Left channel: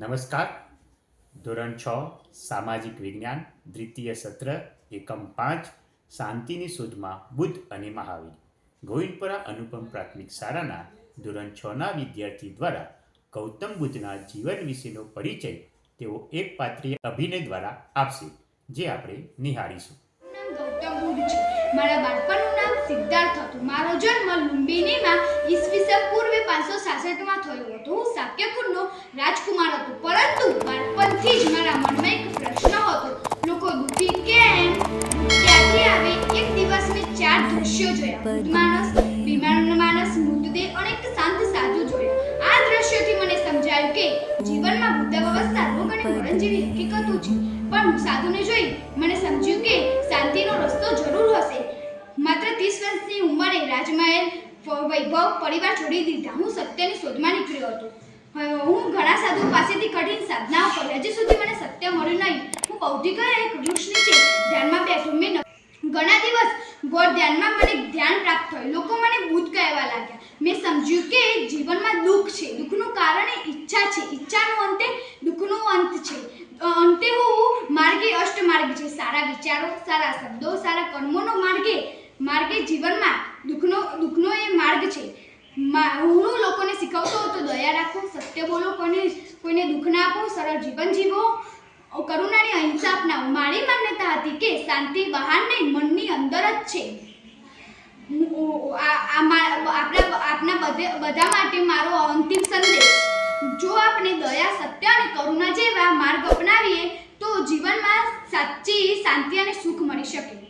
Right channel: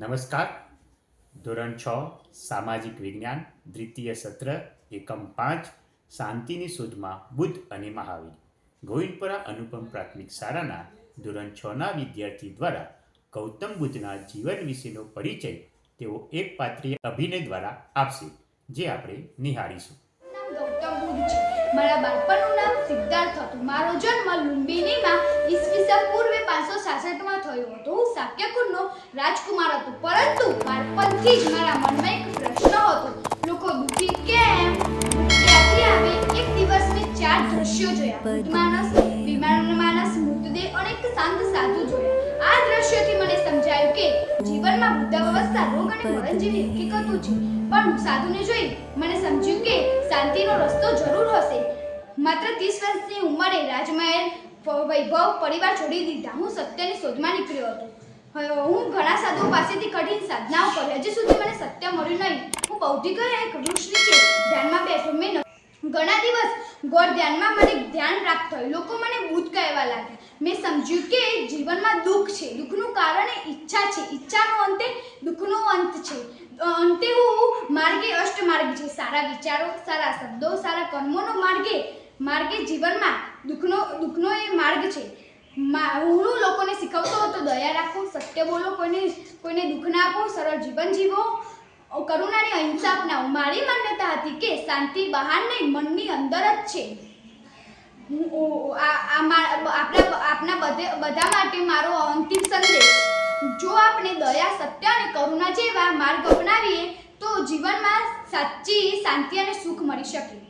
નમસ્કાર. ધોરણ છ, સામાજિક વિજ્ઞાન, દ્વિતીય સત્ર, એકમ પાંચ, શાંતિની શોધમાં બુદ્ધ અને મહાવીર. ગોવિંદપુરા અનુપમ પ્રાથમિક શાળાના ધોરણ છના વિદ્યાર્થી દ્વારા ગૌતમ બુદ્ધના જીવન વિશેનો પરિચય તેઓ એક પાત્રીય અભિનય દ્વારા આપશે, જે આપણે નિહાળીશું. મારા બાળપણનું નામ સિદ્ધાર્થ હતું. મારો જન્મ લુંબિનીમાં ઈસવીસન પૂર્વે પાંચસો થયું હતું. હું રાજકુમાર હતો, પરંતુ બાળપણથી જ મારા મનમાં એક પ્રશ્ન હતો. લોકો દુઃખી કેમ? ક્યાંથી આવે એક દિવસ મેં ચાર દ્રશ્યો જોયા. માણસ, બીમાર માણસ, મૃતદેહ અને એક શાંત સાધુ જોયા આ દ્રશ્યોથી મને સમજાયું કે જીવનમાં વૃદ્ધાવસ્થા રોગ અને મરણ જેવી હકીકતો છે. પણ સાધુને જોઈ મને સમજ્યું કે શાંતિનો રસ્તો જરૂર હશે. માત્ર ત્રીસ વર્ષની ઉંમરે રાજમહેલ વૈભવ પરિવાર છોડી દીધા. હું સત્યની શોધમાં નીકળ્યો હતો. હું ઘણા સાધુઓ પાસેથી કઠિન સાધનાઓ કરી. હજી સુધી મને સત્ય મળ્યું નહીં. હું બૌદ્ધિક એક વૃક્ષ નીચે ધ્યાનમાં બેઠો મેં ઘણા દિવસ ગોળ ધ્યાનમાં મને ધ્યાન પ્રાપ્ત થયું. લોકો મને બુદ્ધ કહેવા લાગ્યા. મેં સમજ્યું કે જીવનમાં દુઃખ છે. દુઃખનું કારણ એ ઈચ્છા છે. ઈચ્છાનો અંતે દુઃખનો અંત છે. અંતે હું માર્ગે અષ્ટમાર્ગ છે. સારા વિચારો, સારા શબ્દો, સારા કર્મોનો માર્ગે માર્ગે જીવનમાં દુઃખનો દુઃખનો એ માર્ગ છે મા- હું લોકોને શીખવતો હતો, દયા રાખો, સત્ય બોલો, કોઈને કોઈને દુઃખ ના આપો, સરળ જીવન જીવો. કરુણાની અહિંસા અપનાવો. મારી માન્યતા હતી કે શાંતિ બહાર નહીં, મનની અંદર જ છે. આપણા બધે, બધા માટે મારો અંતિમ સંદેશ. જો આપણે દયા, સત્ય અને કરુણા જેવા માર્ગ અપનાવીએ, તો જીવનમાં સાચી શાંતિ અને સુખ મળી શકે.